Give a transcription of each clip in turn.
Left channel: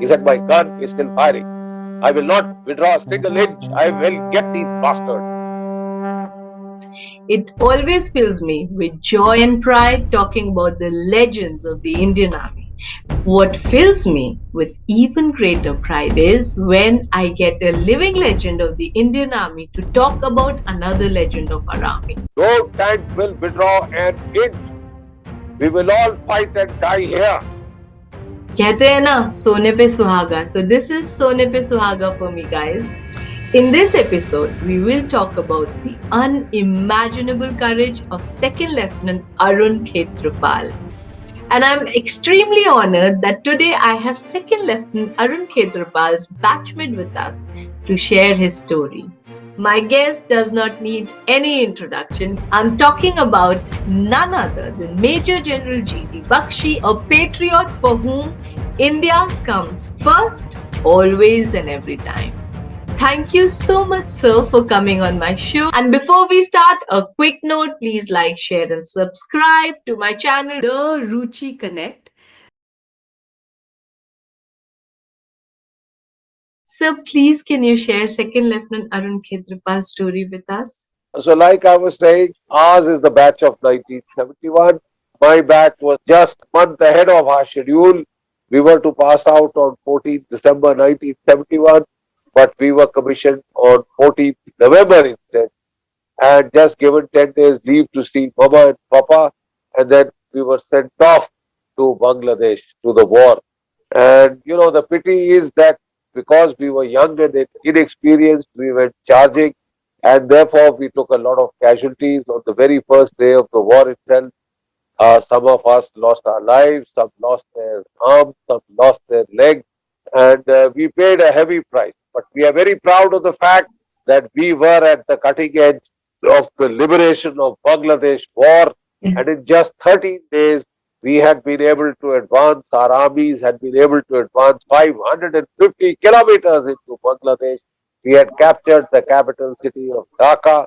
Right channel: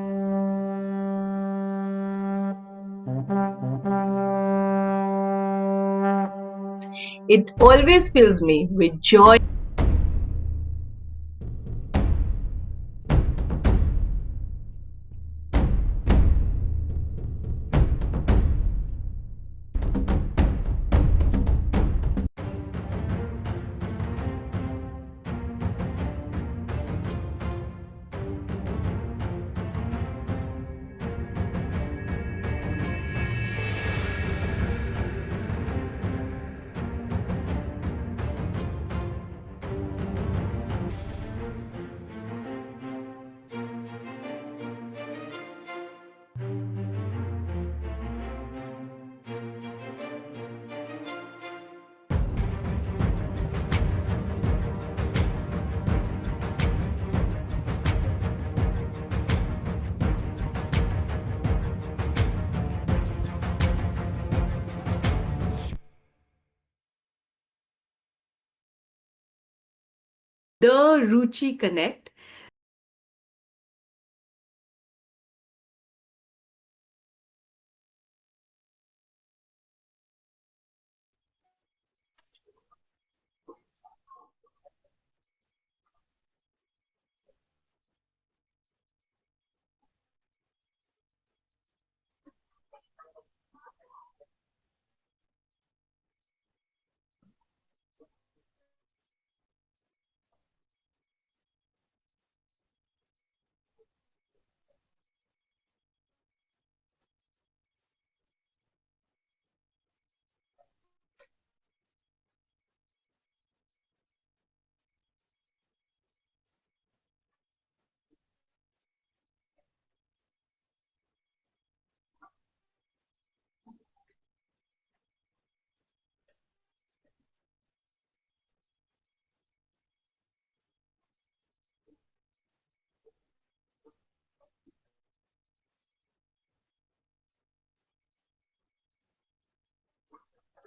He said, my gun is still firing. I will not withdraw a single inch. I will get these bastards. It always fills me with joy and pride talking about the legends of the Indian Army. What fills me with even greater pride is when I get a living legend of the Indian Army to talk about another legend of our army. No tank will withdraw an inch. We will all fight and die here. कहते हैं ना सोने पे सुहागा. So this is सोने पे सुहागा for me, guys. In this episode, we will talk about the unimaginable courage of Second Lieutenant Arun Khetarpal. And I'm extremely honored that today I have Second Lieutenant Arun Khetarpal's batchmate with us to share his story. My guest does not need any introduction. I'm talking about none other than Major General GD Bakshi, a patriot for whom India comes first, always and every time. Thank you so much, sir, for coming on my show. And before we start, a quick note, please like, share, and subscribe to my channel, The Ruchi Connect. So please, can you share Second Lieutenant Arun Khetarpal's story with us? So, like I was saying, ours is the batch of 1971. My batch was just a month ahead of our schedule. We were to pass out on 14th December 1971, but we were commissioned on 14th November instead, and just given 10 days leave to see Mama and Papa, and then we were sent off to Bangladesh to the war. And the pity is that because we were young and inexperienced, we went charging, and therefore we took a lot of casualties on the very first day of the war itself. Some of us lost our lives, some lost their arms, some lost their legs, and we paid a heavy price. But we are very proud of the fact that we were at the cutting edge of the liberation of Bangladesh war, and Yes. in just 13 days, we had been able to advance, our armies had been able to advance 550 kilometers into Bangladesh. We had captured the capital city of Dhaka,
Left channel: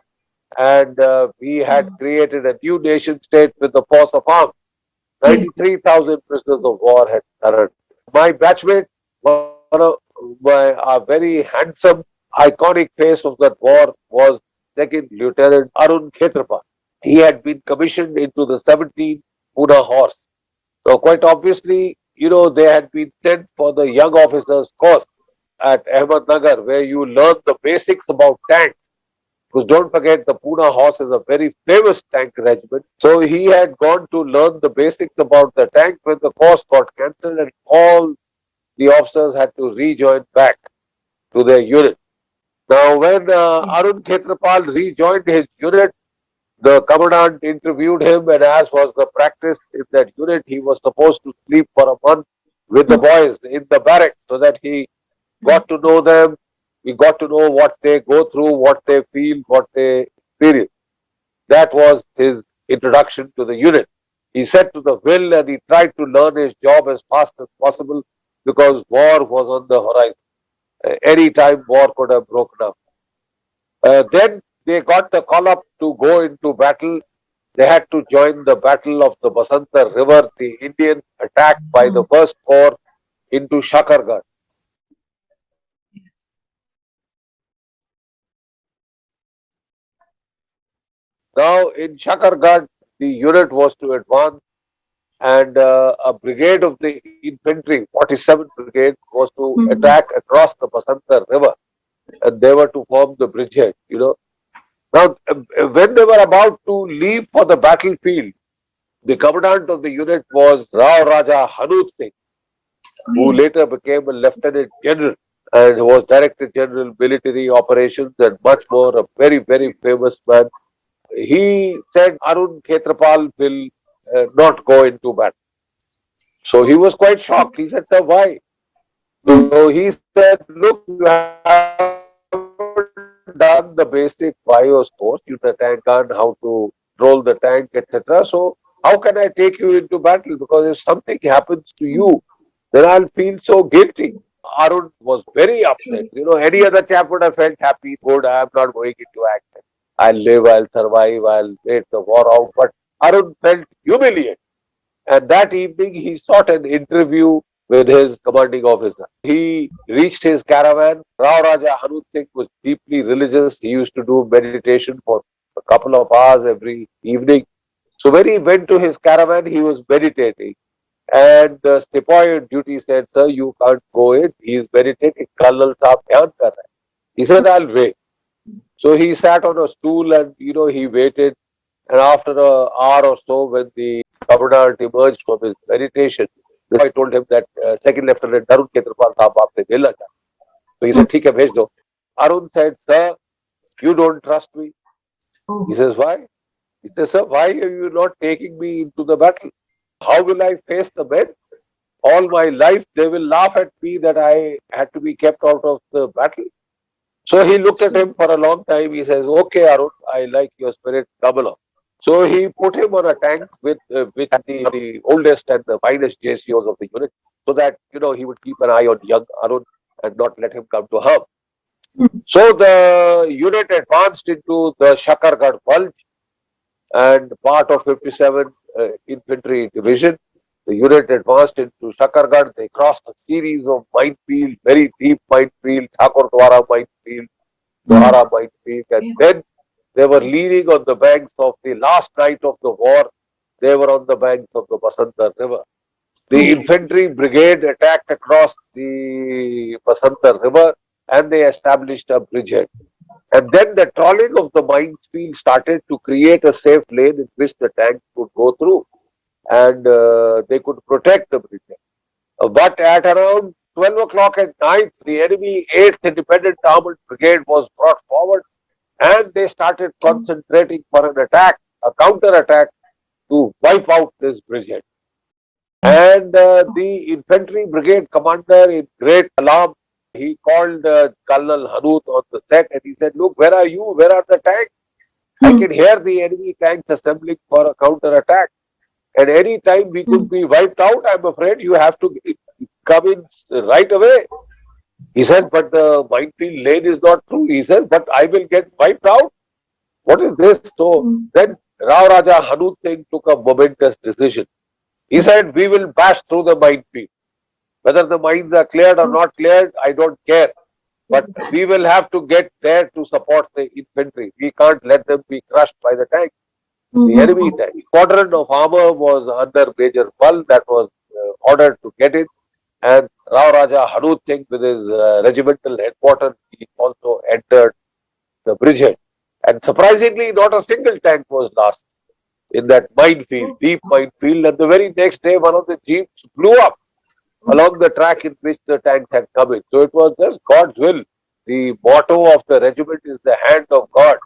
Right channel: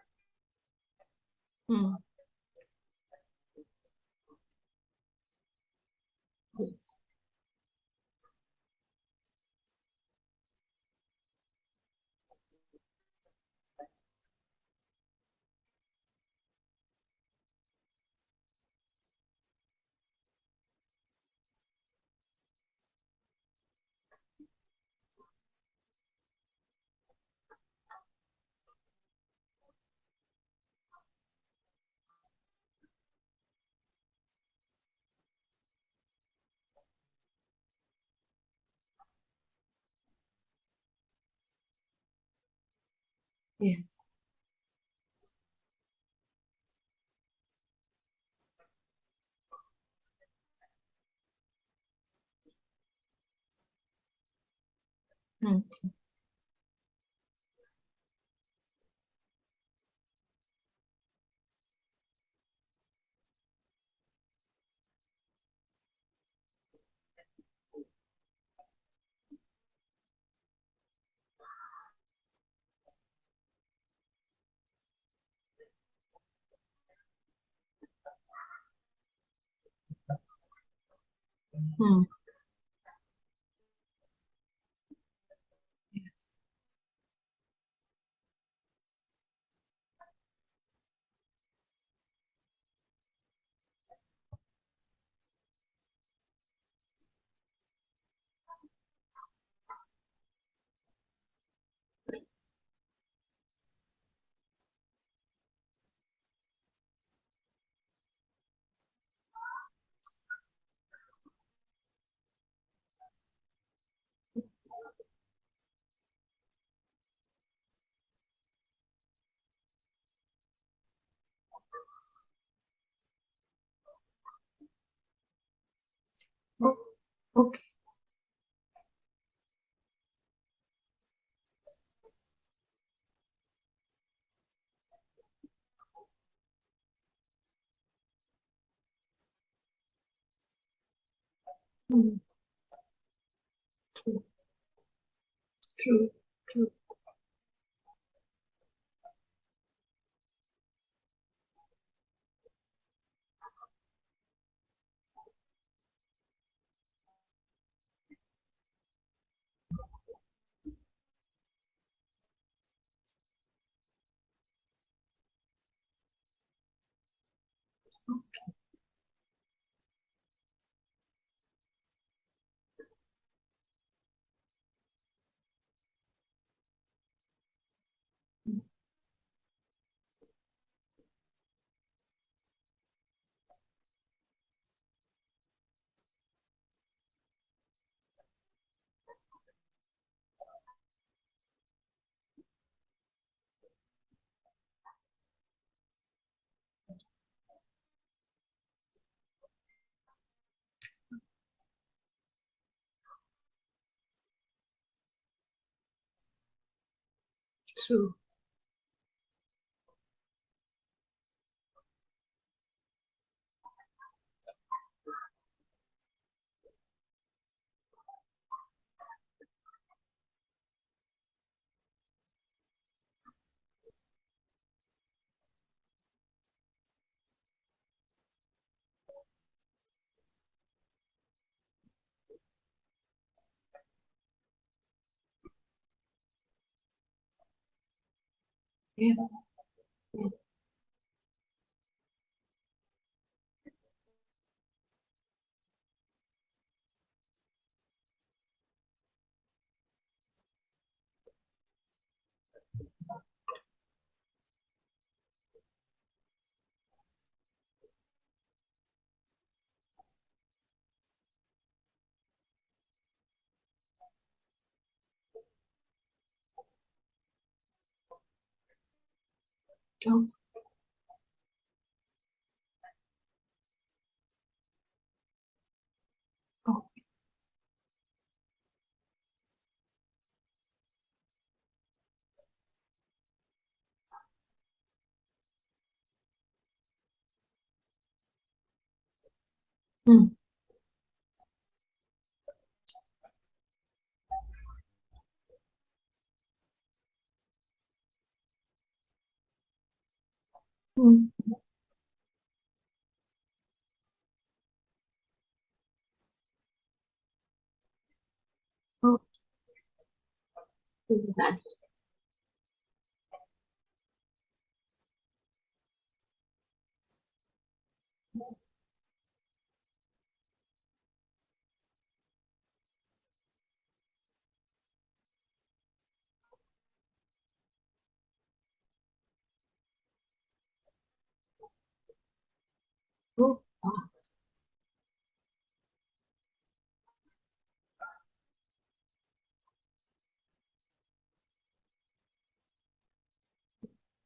and we had created a new nation state with the force of arms. Yes. 93,000 prisoners of war had surrendered. My batchmate, one of a very handsome, iconic face of that war was Second Lieutenant Arun Khetarpal. He had been commissioned into the 17th Pune Horse. So quite obviously, they had been sent for the young officers course at Ahmednagar, where you learn the basics about tanks. Because don't forget, the Pune Horse is a very famous tank regiment. So he had gone to learn the basics about the tank when the course got cancelled, and all the officers had to rejoin back to their unit. Now, when Arun Khetarpal rejoined his unit, the commandant interviewed him, and as was the practice in that unit, he was supposed to sleep for a month with the boys in the barracks so that he got to know them. We got to know what they go through, what they feel, what they experience. That was his introduction to the unit. He set to the will and he tried to learn his job as fast as possible because war was on the horizon. Any time war could have broken up. Then they got the call up to go into battle. They had to join the Battle of the Basanta River, the Indian attack by the First Corps into Shakargarh. Now, in Shakargarh, the unit was to advance, and a brigade of the infantry, 47th Brigade, was to attack across the Basanta River, and they were to form the bridgehead. Now, when they were about to leave for the battlefield, the commandant of the unit was Rao Raja Hanut Singh, who later became a lieutenant general and was director general military operations and much more, a very, very famous man. He said Arun Khetarpal will not go into battle. So he was quite shocked. He said, sir, why? So he said, look, you haven't done the basic bios course. You know, tank gun, how to control the tank, etc. So how can I take you into battle? Because if something happens to you, then I'll feel so guilty. Arun was very upset. Any other chap would have felt happy, good, I'm not going into action. I'll live, I'll survive, I'll wait the war out. But Arun felt humiliated. And that evening, he sought an interview with with his commanding officer. He reached his caravan. Rao Raja Hanut Singh was deeply religious. He used to do meditation for a couple of hours every evening. So when he went to his caravan, he was meditating. And the sepoy on duty said, "Sir, you can't go in. He is meditating. Colonel Saab dhyan kar raha hai." He said, "I'll wait." So he sat on a stool and he waited. And after an hour or so, when the commandant emerged from his meditation, the boy told him that Second Lieutenant Arun Khetarpal साहब आपसे मिलना चाहते हैं. So he said, "ठीक है, भेज दो." Arun said, "Sir, you don't trust me." He Oh. says, "Why?" He says, "Sir, why are you not taking me into the battle? How will I face the men? All my life they will laugh at me that I had to be kept out of the battle." So he looked at him for a long time. He says, "Okay, Arun, I like your spirit. Come along." So he put him on a tank with which had the oldest and the finest JCOs of the unit, so that he would keep an eye on young Arun and not let him come to harm. So the unit advanced into the Shakargarh Bulge and part of 57 Infantry Division. The unit advanced into Shakargarh. They crossed a series of minefield, very deep minefield, Thakurdwara minefield, Dohara minefield, and Yeah. then they were leaning on the banks of the last night of the war. They were on the banks of the Basanta River. The Okay. infantry brigade attacked across the Basanta River and they established a bridgehead. And then the trawling of the minefield started to create a safe lane in which the tanks could go through and they could protect the bridgehead. But at around 12 o'clock at night, the enemy 8th Independent Armored Brigade was brought forward and they started concentrating for an attack, a counter attack to wipe out this bridgehead. And the infantry brigade commander, in great alarm, he called Colonel Hanut on the set and he said, "Look, where are you? Where are the tanks? I can hear the enemy tanks assembling for a counter attack. And any time we could be wiped out, I'm afraid you have to come in right away." He said, "But the minefield lane is not through." He says, "But I will get wiped out. What is this?" So then Rao Raja Hanut Singh took a momentous decision. He said, "We will bash through the minefield. Whether the mines are cleared or not cleared, I don't care. But we will have to get there to support the infantry. We can't let them be crushed by the tanks, the enemy tank." Squadron of armor was under Major Pal that was ordered to get in. And Rao Raja Hanut Singh with his regimental headquarters, he also entered the bridgehead. And surprisingly, not a single tank was lost in that minefield, deep minefield. And the very next day, one of the jeeps blew up along the track in which the tanks had come in. So it was just God's will. The motto of the regiment is the hand of God.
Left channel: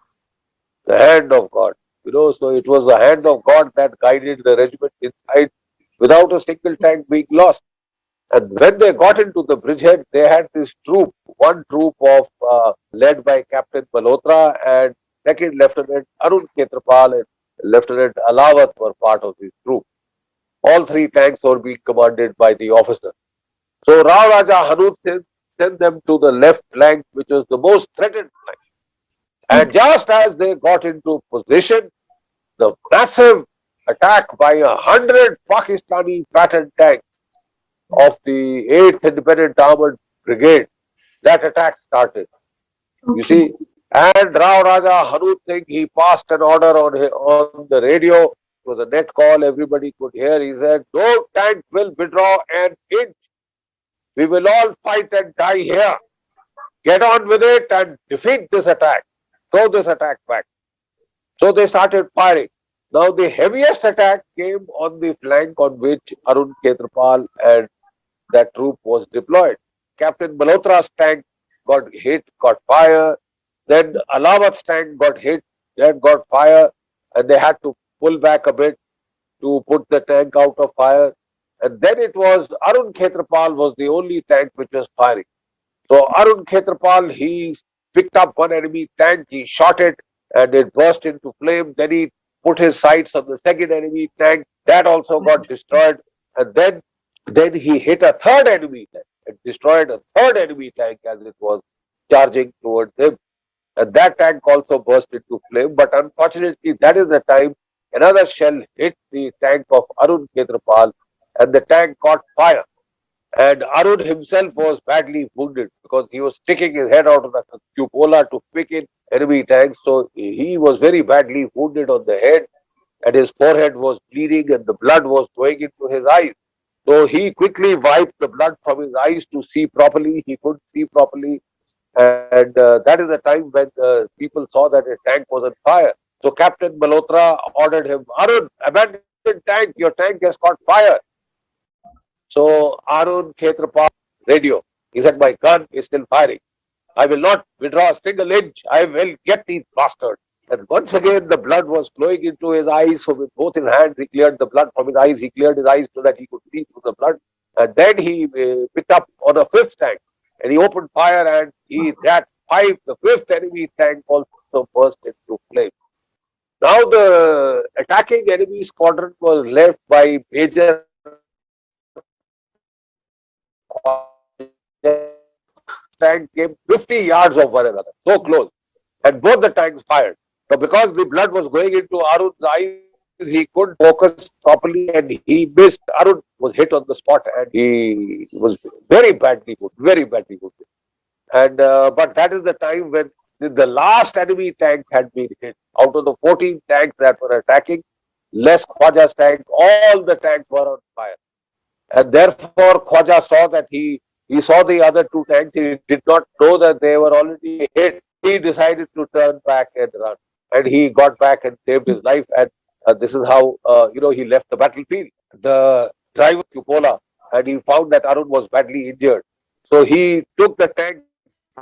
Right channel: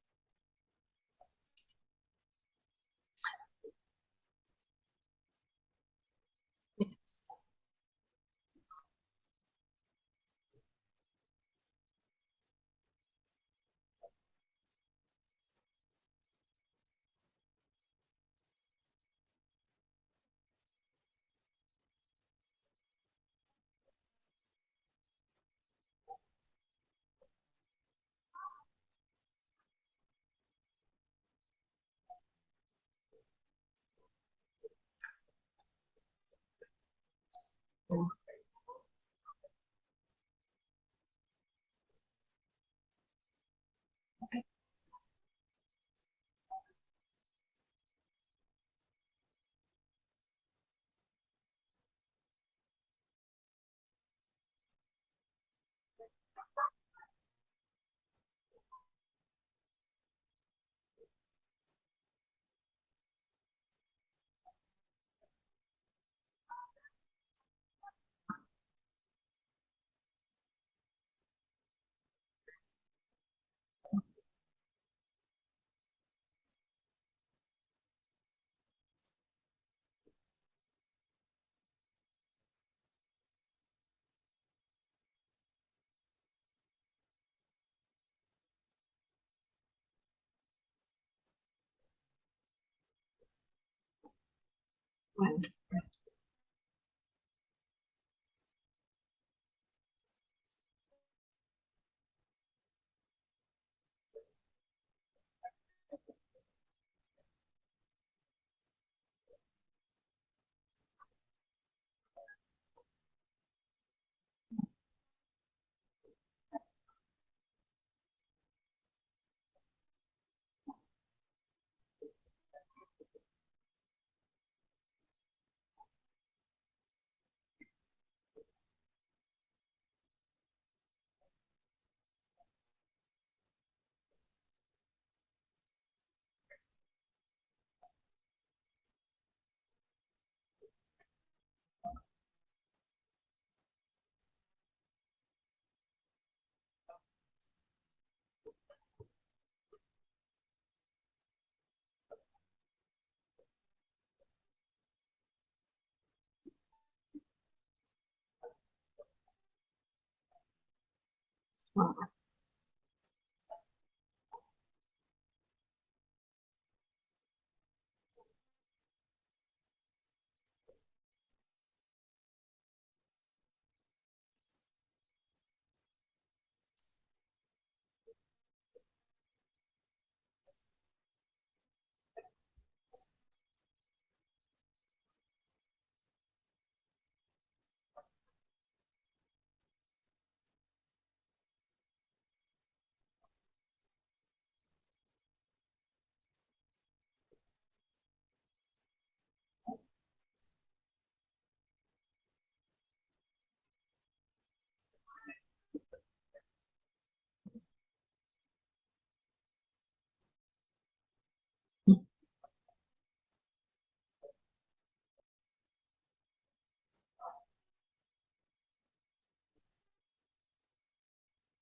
The hand of God. So it was the hand of God that guided the regiment inside without a single tank being lost. And when they got into the bridgehead, they had this troop, one troop of led by Captain Malhotra and Second Lieutenant Arun Khetarpal and Lieutenant Alawat were part of this troop. All three tanks were being commanded by the officer. So Rao Raja Hanut sent them to the left flank, which was the most threatened flank. And just as they got into position, the massive attack by 100 Pakistani pattern tanks of the 8th Independent Armored Brigade, that attack started. You see, and Rao Raja Hanut Singh, he passed an order on the radio. It was a net call, everybody could hear. He said, "No tank will withdraw an inch. We will all fight and die here. Get on with it and defeat this attack. Throw this attack back." So they started firing. Now the heaviest attack came on the flank on which Arun Khetarpal and that troop was deployed. Captain Malhotra's tank got hit, got fire. Then Alawat's tank got hit, then got fire, and they had to pull back a bit to put the tank out of fire. And then it was Arun Khetarpal was the only tank which was firing. So Arun Khetarpal, he picked up one enemy tank, he shot it, and it burst into flame. Then he put his sights on the second enemy tank, that also got destroyed. And then he hit a third enemy tank and destroyed a third enemy tank as it was charging towards him. And that tank also burst into flame. But unfortunately, that is the time another shell hit the tank of Arun Khetarpal and the tank caught fire. And Arun himself was badly wounded because he was sticking his head out of the cupola to pick in enemy tanks. So he was very badly wounded on the head, and his forehead was bleeding, and the blood was going into his eyes. So he quickly wiped the blood from his eyes to see properly. He couldn't see properly, and that is the time when people saw that a tank was on fire. So Captain Malhotra ordered him, Arun, abandon tank. Your tank has caught fire. So Arun Khetarpal radio. He said, my gun is still firing. I will not withdraw a single inch. I will get these bastards. And once again, the blood was flowing into his eyes. So with both his hands, he cleared the blood from his eyes. He cleared his eyes so that he could see through the blood. And then he picked up on a fifth tank, and he opened fire, and the fifth enemy tank also burst into flames. Now the attacking enemy squadron was left by Major Khwaja. Tank came 50 yards of one another, so close, and both the tanks fired. So because the blood was going into Arun's eyes, he couldn't focus properly, and he missed. Arun was hit on the spot, and he was very badly wounded. And but that is the time when the last enemy tank had been hit. Out of the 14 tanks that were attacking, less Khwaja's tank, all the tanks were on fire. And therefore Khwaja saw that he saw the other two tanks. He did not know that they were already hit. He decided to turn back and run, and he got back and saved his life. And this is how he left the battlefield. The driver cupola, and he found that Arun was badly injured. So he took the tank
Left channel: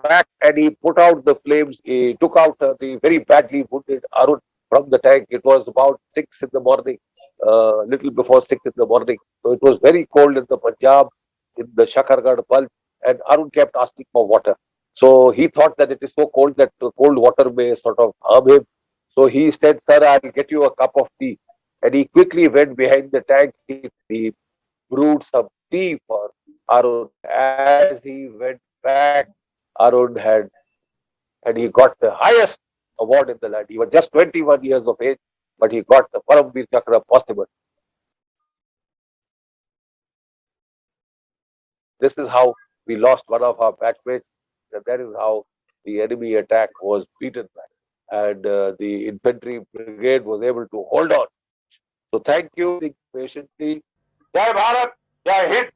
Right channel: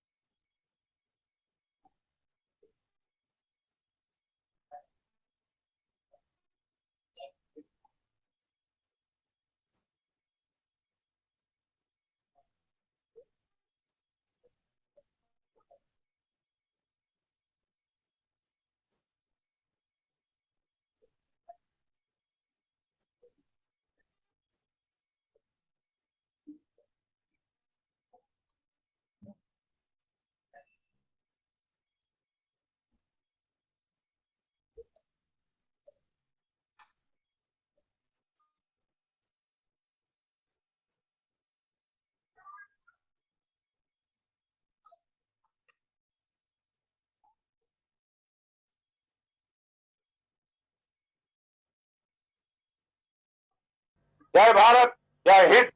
back and he put out the flames. He took out the very badly wounded Arun from the tank. It was about 6 in the morning, little before 6 in the morning. So it was very cold in the Punjab, in the Shakargarh Gulf, and Arun kept asking for water. So he thought that it is so cold that the cold water may sort of harm him. So he said, Sir, I'll get you a cup of tea. And he quickly went behind the tank. He brewed some tea for Arun. As he went back, Arun and he got the highest award in the land. He was just 21 years of age, but he got the Param Vir Chakra possible. This is how we lost one of our batchmates, and that is how the enemy attack was beaten back. And the infantry brigade was able to hold on. So thank you patiently. Jai Bharat, Jai Hind.